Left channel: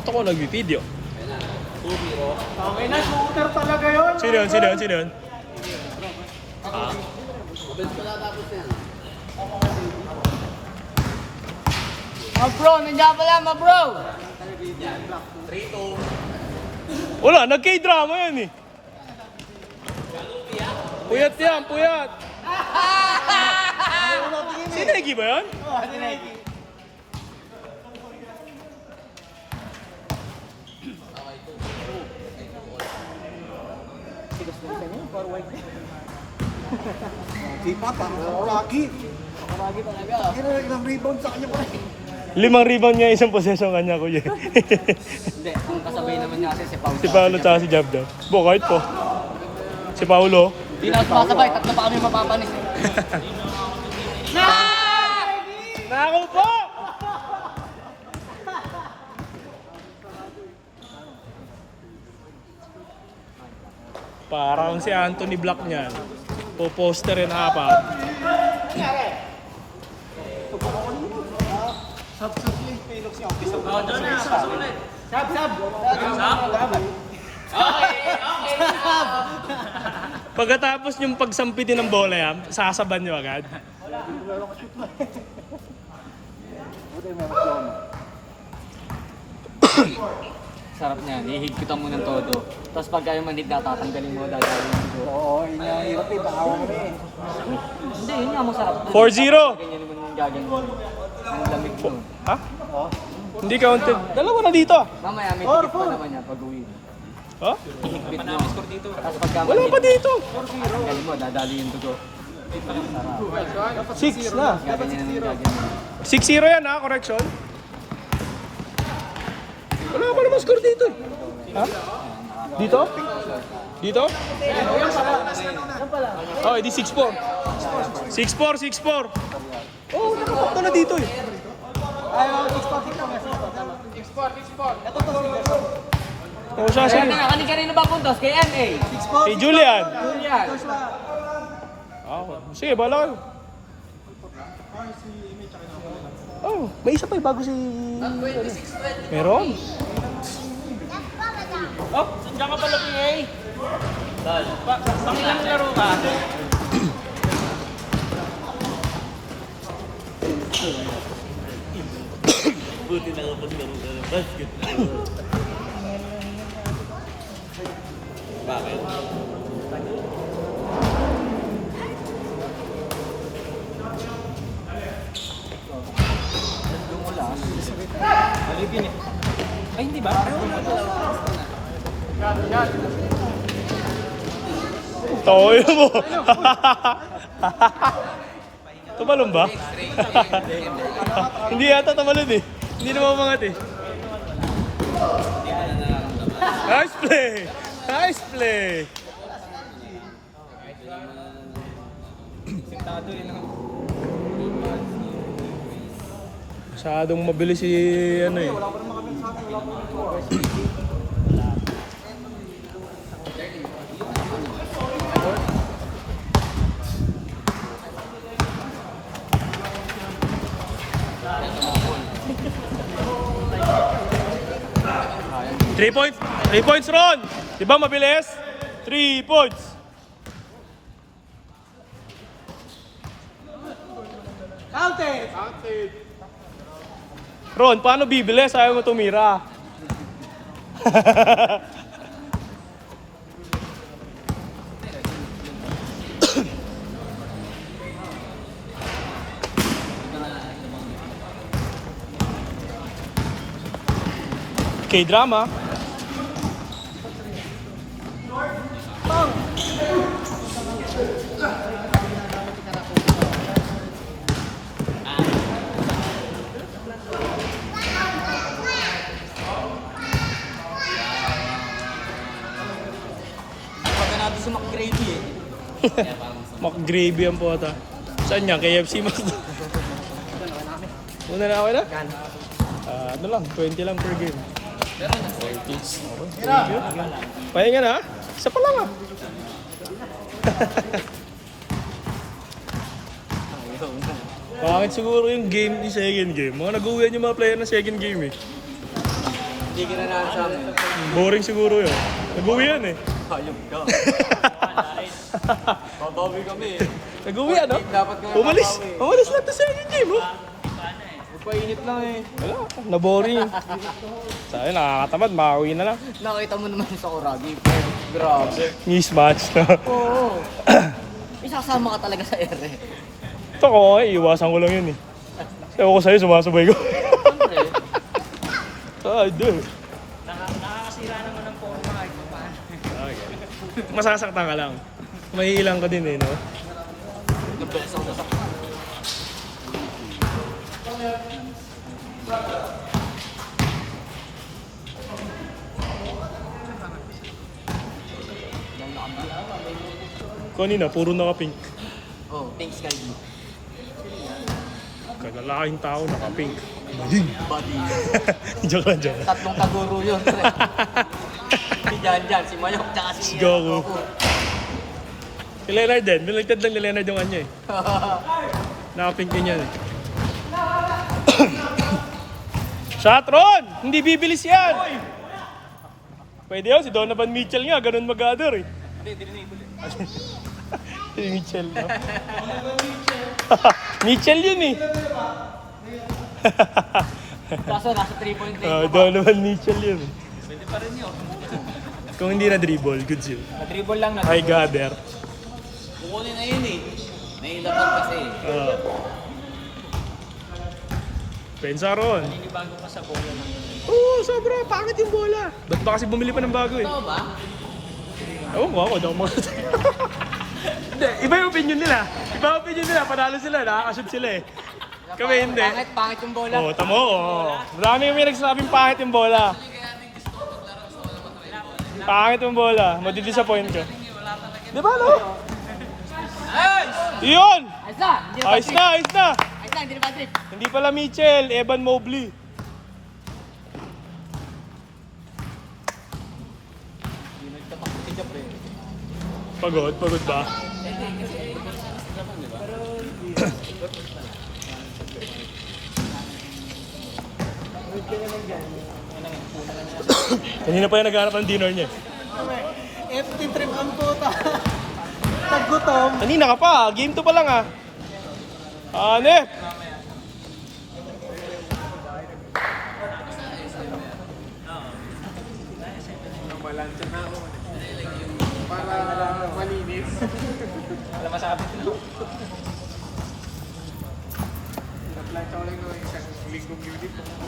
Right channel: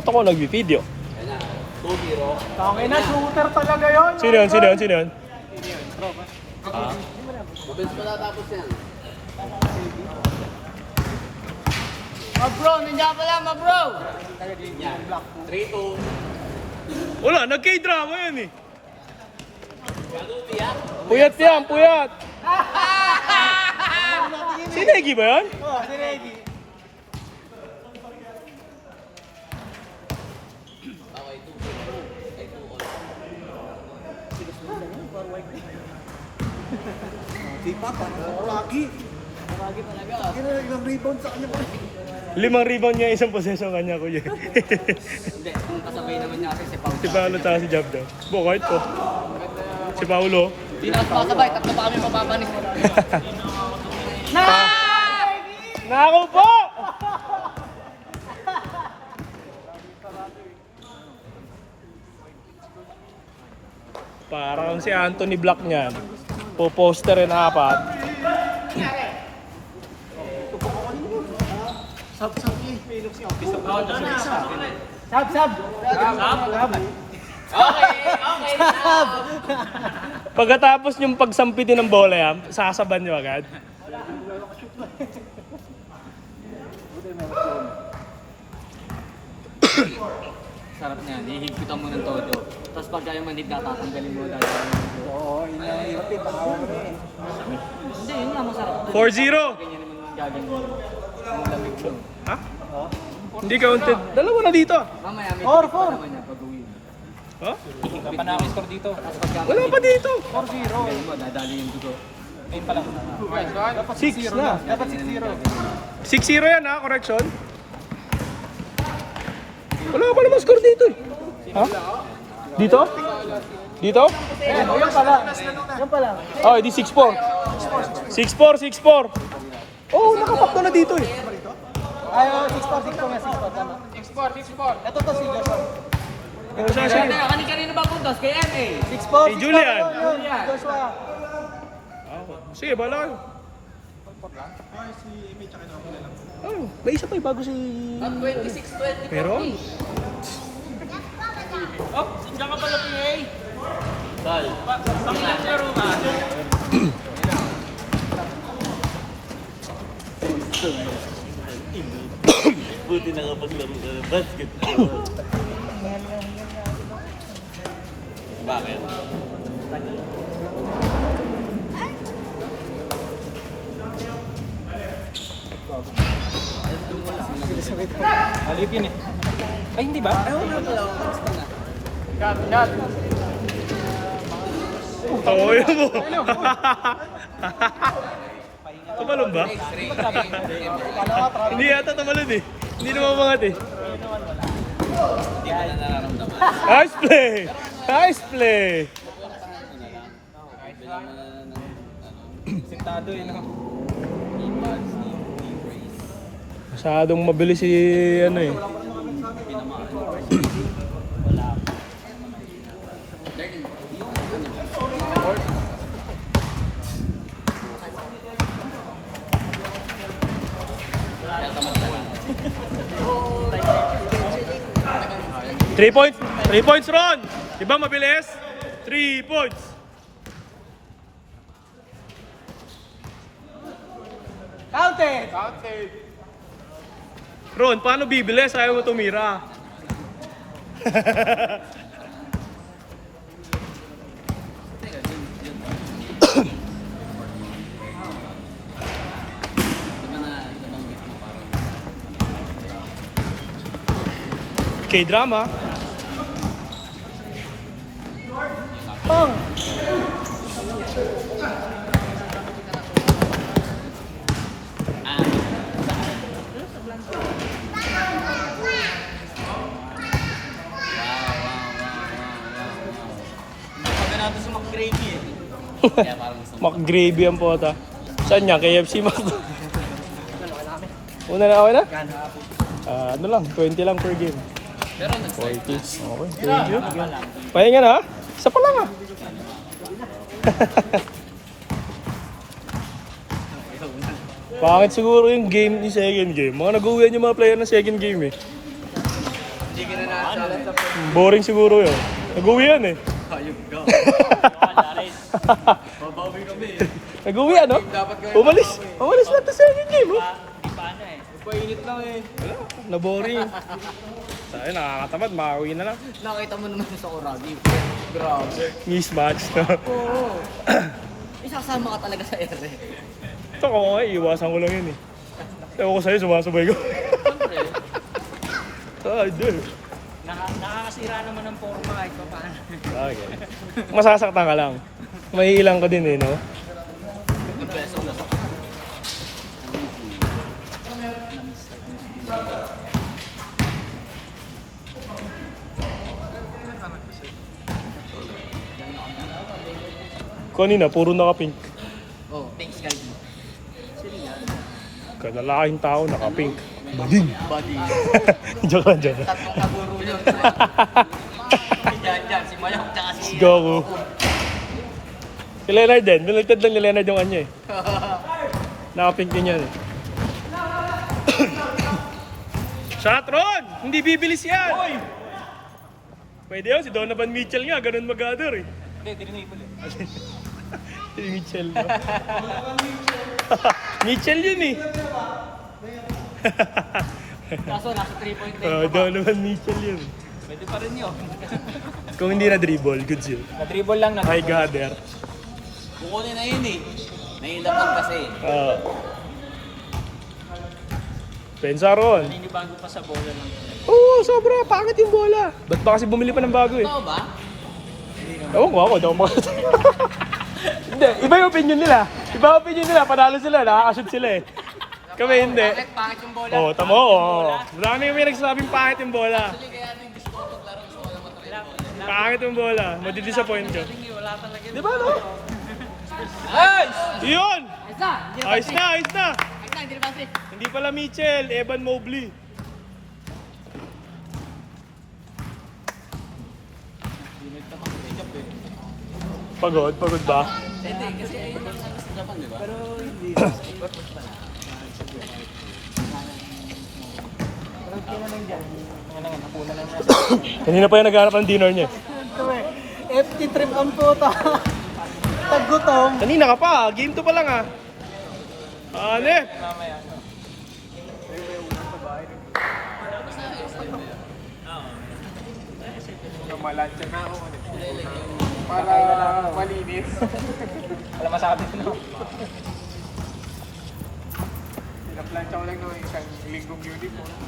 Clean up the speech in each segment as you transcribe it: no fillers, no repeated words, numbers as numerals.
Ba't ako nag-video? Tangin na, shooter talaga yun. Sino yun? Sino yun? Sino yun? Ah? Bro, nandiyan pala bro. 3-2. Wala, nag-K-drama yan eh. Puyat yan, puyat. Si Negi ba yan? Di pa, lagi. Lagi talaga. Ilang rebound sa kanya pa. 5 rebound niya, isang possession kanya kuya. Hindi, kung kasabay naman niya kasi si Paulo. Si Paolo tsaka si Jabda. Bo, kahit po. Si Paolo. Hindi na kasabay, tatlo pa kami mapapanis. Nako po! Parang si Anthony Black niyan. Po-posterin 4. Pagkatapos yung pagsampitin ng bola yan, sasaban nyo agad. Sarap na yan, ihigpitan mo ng todo. Tapos pagka yung manig natatanggalin mo dahil Oo, inahirap eh. Bakaw mo eh. hindi, yun nga masarap. 4-0! Ganyan naman yung gagawin mo. Ang lamig mo. Ha? Hindi counted. Dalawa na dito ah. Mamaya may tikit pa naman yan pag uwi. Ha? Ihigpit mo. Score dito. Tapos pagka Wala pa dito. tanggalin mo, dadali yung dugo. 6 na. Ganyan naman yung gagawin mo. 6-0 yan ha, correction. Wala pa naman score dito eh. Ha? Dito? Dito? Oh, edi 6-4. 6-4, 6-4. Oh, nakatakto na dito eh. Oh, siya siya. Kanina ba puntos? Kay MA. Si Julian. Julian. Sige, bala kayo. Oh, may isa pa eh, bago si... Meron? Buti na kapag laro ng basketball. Bakit? Alipin eh. Ay, hindi ba? Toyo mo. Tumalon ba? Hindi yata tumalon eh. Hindi naman umangat eh. Nice play! Nice play! Masyadong mabilis si ano eh. Three points! 3 points, Ron! Diba mabilis? 3 points! Counted! Ron, paano bibilis? Ayaw mo tumira. K-drama. Pagka natin sa McGrady eh. McGravy ang pota. Saan niya? KFC McDo. Una na okay na? Ano lang, 20 lang per game. 20. Okay. Pahinga na ha? Isa pa lang ha? Bakit siguro yung game, yung second game? Mga nag-uwian yung mga player ng second game eh. Hindi ka na lang sa akin. Boring siguro yun. Nag-uwi yan eh. Ayun ka. Babawi kami eh. Nag-uwi ano? Dapat ka Umalis. Umalis lang sa second game oh. Painit lang eh. Wala, na-boring. Sabi, nakakatamad, makauwi na lang. Nakita mo naman sa Kurabi. Grabe. Mismatch. Oo. Isasama ka talaga sa ere. Ito ko, iiwasan ko lang yun eh. Ewan ko sa'yo, sumasabay ko. Hindi. Nakakasira naman ng photo kahit pa paano. Masasaktan ka lang. Mahihilang ka din eh, no? The best ako nasaktan. Kanina, puro naka-pink. Oh, thanks Sky Blue. Kalalaking tao, naka-pink. Badin. Buddy. Joke lang, joke lang. Tatlong kaguro yun. Si Janjan, si Mayok, tsaka si Si Goku. Si Leonard din. Nilagtad lang ni Leonard yung kanya eh. Naka-pink din yan eh. Shot, Ron! Hindi bibilis yan! Pwede yun, si Donovan Mitchell nga, ganun mag-gather eh. Hindi, dinihin mo din. Si Mitchell, no? Mitchell yun eh. Kaso nasa 3 point eh. Donovan Mitchell yun eh. Pwede pa rin yun. Kung hindi na dribble, goods yun. Na-dribble lang na. Ay, gather. Kukunin na yun eh. Nahihilap lang kasi. Pensa ron. Ninibago ka sa ball. Oo, sobra. Pangit yung bola. Ba't ba kasi bumili pa ng bago eh? Ewan ko ako, daw makasot. Hindi, iba yung opinion nila. Iba yung opinion nila. Panalo sila, nakakashoot sila eh. Kami hindi. Pangit yung bola. Oo, tamo. Oo. Marami kami nagsasabing pangit yung bola. Pangit yung bola. Madi-disappoint ka. Di ba, no? Yun! Ayos na! Ayos na! Ayos na, hindi na Patrick. Hindi pala Mitchell, Evan Mobley. Pagod ba? Kanina pa yung naghanap ng dinner niya. FT trip ang puta. Tagutom. Kanina ka pa, game 2 pa lang ah. Ano? Alam masabi ko.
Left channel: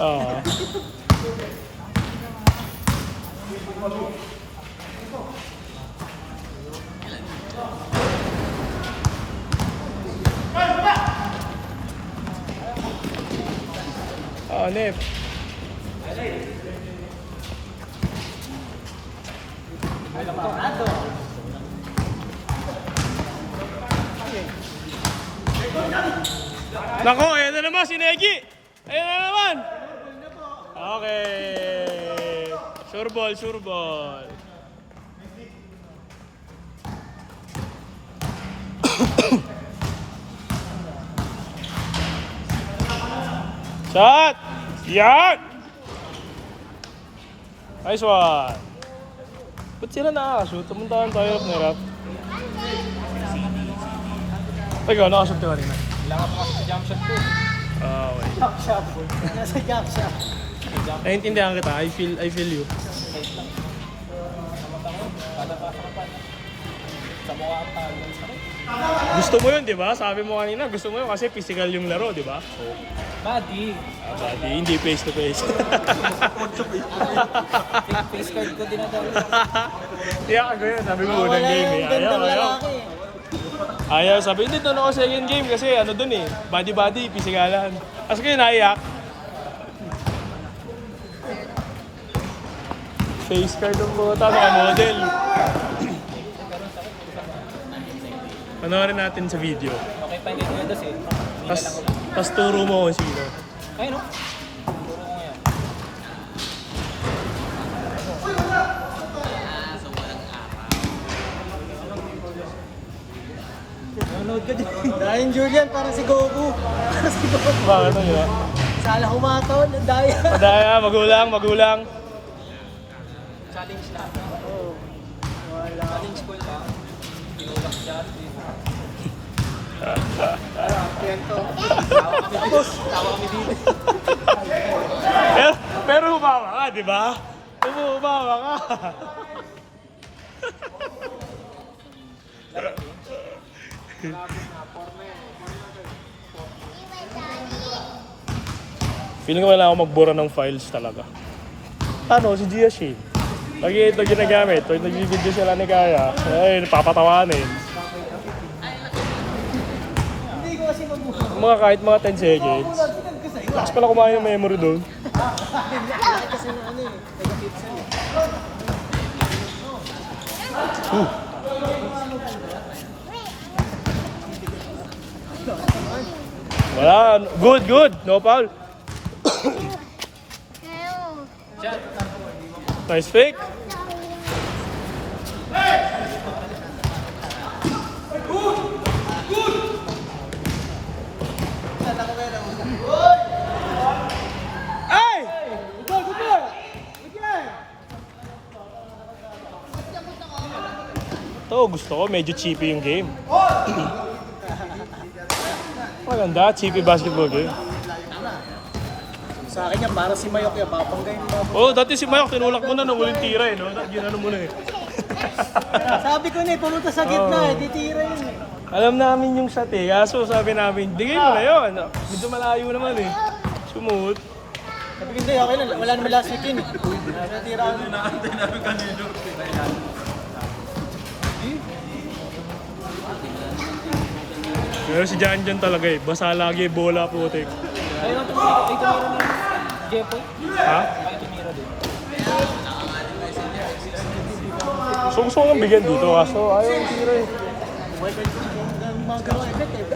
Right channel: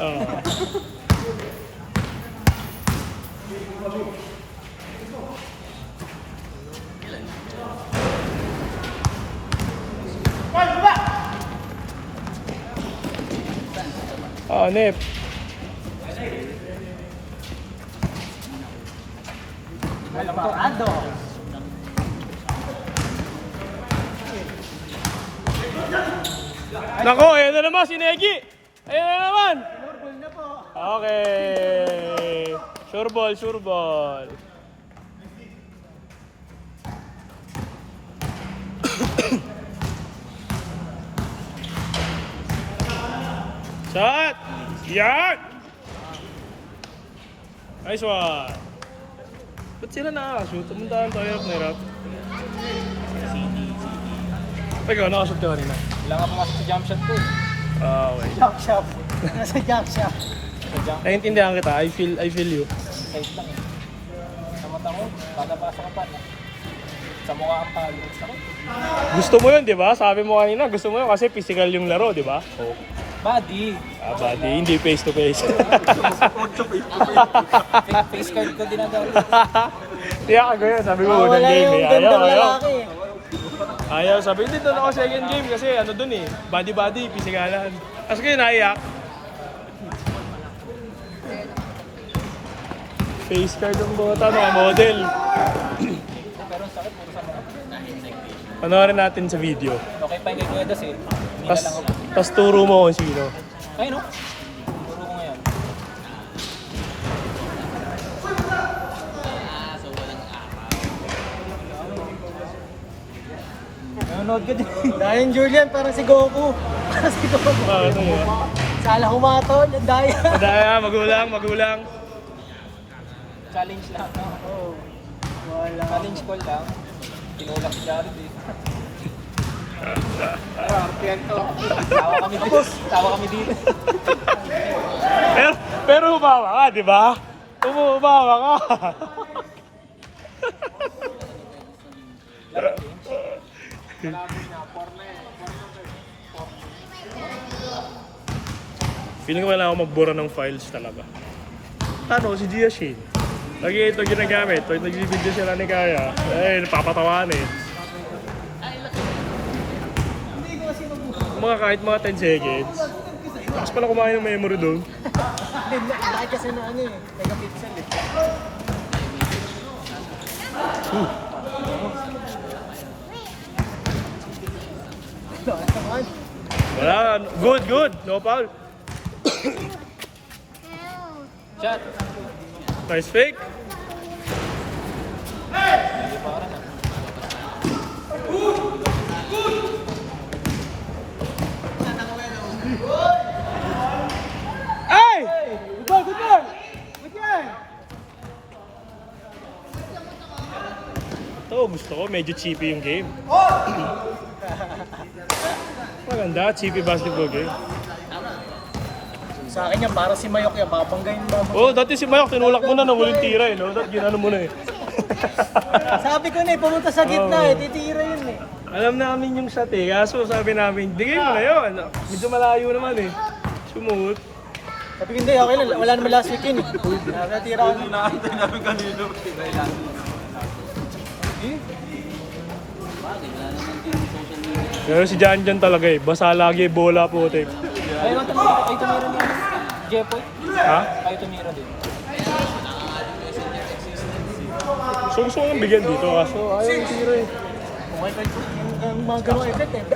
Oo. Nip. Nako, ayan na naman si Negi. Ayan na naman. Okay. Surball, surball. Shot! Yan! Nice one. Ba't sila nakakashoot? Pumuntahan tayo ng hirap. Ikaw, nakashoot ka kanina. Kailangan mo kasi sa jump shot ko. Okay. Jump shot. Nasa jump shot. Naiintindihan kita. I feel you. Sa mukha ang palo. Gusto mo yun, di ba? Sabi mo kanina, gusto mo yun kasi physical yung laro, di ba? Oh. Body. Buddy, hindi face to face. Face card ko dinadala. Kaya ka yun, sabi mo unang game eh. Ayaw. Ayaw, sabi, hindi doon ako second game kasi ano doon eh. Body, pisikalan. Kasi kayo naiyak. Face card ng bota, naka-model. Panoorin natin sa video. Okay pa yung Edas eh. Tas turo mo kung sino. Ayun no? Turo ko ngayon. So walang araw. Nanonood ka din. Ryan Julian para si Goku. Bakit ano ba? Sala humato. Daya. Padaya, magulang. Challenge lang. Challenge call lang. Tinulak si Jared eh. Tawa kami dito. Pero humawa ka, di ba? Humawa ka. Feeling ko kailangan ako magbura ng files talaga. Ano, si Gia Shin. Lagi ito ginagamit. Pag nag-video sila ni Kaya, ay, napapatawa na eh. Mga kahit mga 10 seconds. Lakas pala kumain ng memory doon. Wala. Good, good. No foul. Nice fake. Ay! Ito, gusto ko. Medyo cheapy yung game. Maganda, cheapy basketball game. Sa akin yan, para si Mayok yan. Papanggayin mo. Oh, dati si Mayok, tinulak mo na ng huling tira eh, no? Dati ginano mo na eh. Sabi ko na eh, pumunta sa gitna Oo. eh. Titira yun eh. Alam namin yung shot eh, kaso sabi namin, bigay mo na yun. Medyo malayo naman eh. Sumut. Sabi ko hindi, okay lang. Wala naman last week yun eh. Natira ako. Nakakita namin kanino. Pero si Jan Jan talaga eh, basa lagi, bola putik. Ay, tumira na. Jepoy. Ha? Ay, tumira din. So gusto ko nang bigyan dito, kaso ayaw yung tira eh. Ang mga ganong effect eh.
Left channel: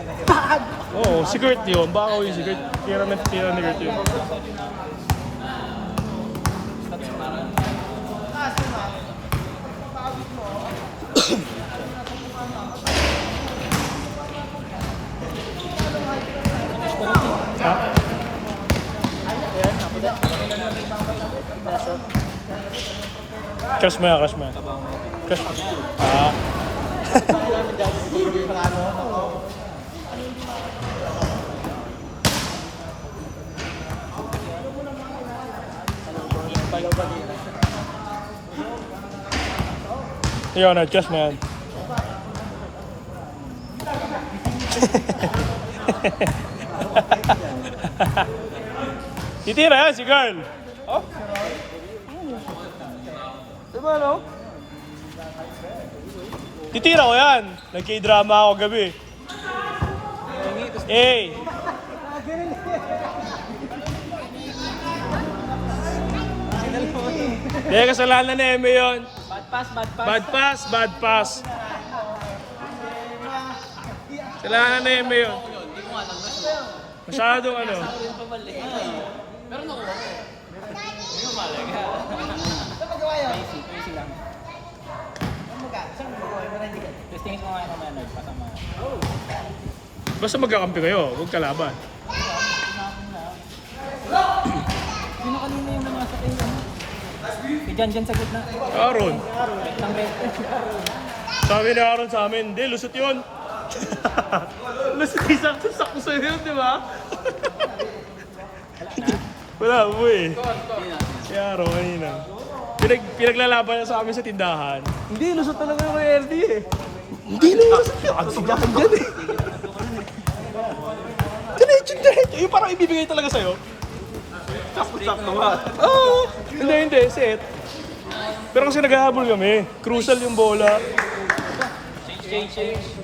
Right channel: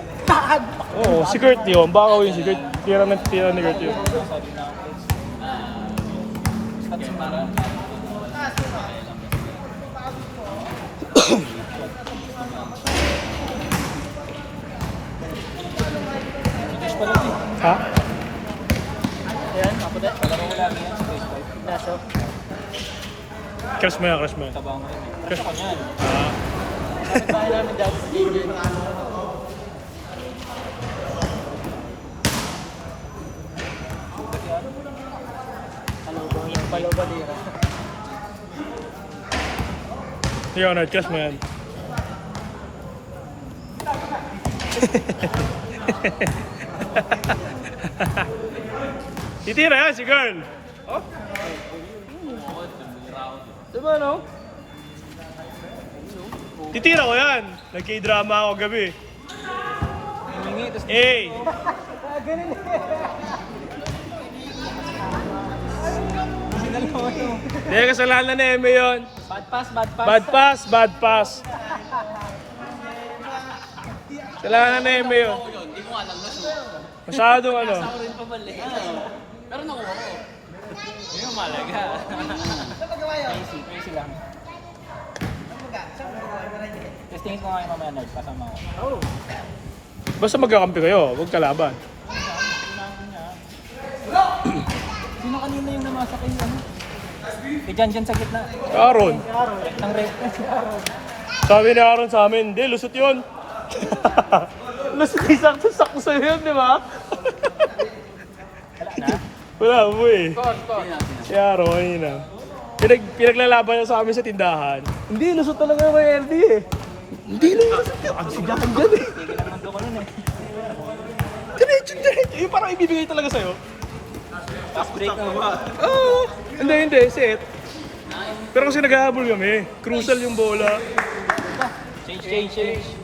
Oo, si Kurt yun, baka yung si Kurt. Tira ni Kurt yun. Ha? Crush mo yan, crush mo yan. Crush. Ah. Yun, crush mo yan. Titira yan si girl. Oh? Diba no? Titira ko yan. Nagka-drama ako gabi. Eh. Hindi, kasalanan na Eme yun. Bad pass. Bad pass. Kasalanan na Eme yun. Masyadong ano. Testingin ko nga ako na kasama. Basta magkakampi kayo, huwag kalaban. Sino kanina yung namasak yung ano? Eh, dyan sa gitna. Aaron. Ang red. Si Aaron. Sabi ni Aaron sa amin, hindi, lusot yun. Lusot, sakto sa'yo yun, di ba? Wala mo eh. Si Aaron, kanina. Pinaglalaban niya sa amin sa tindahan. Hindi, lusot talaga yung kay LD eh. Hindi lusot yun. Ang sigahan dyan eh. Diretso. Yung parang ibibigay talaga sa'yo. Fast break na ba? Oo. Hindi, set. Pero kasi naghahabol kami. Crucial yung bola. Change.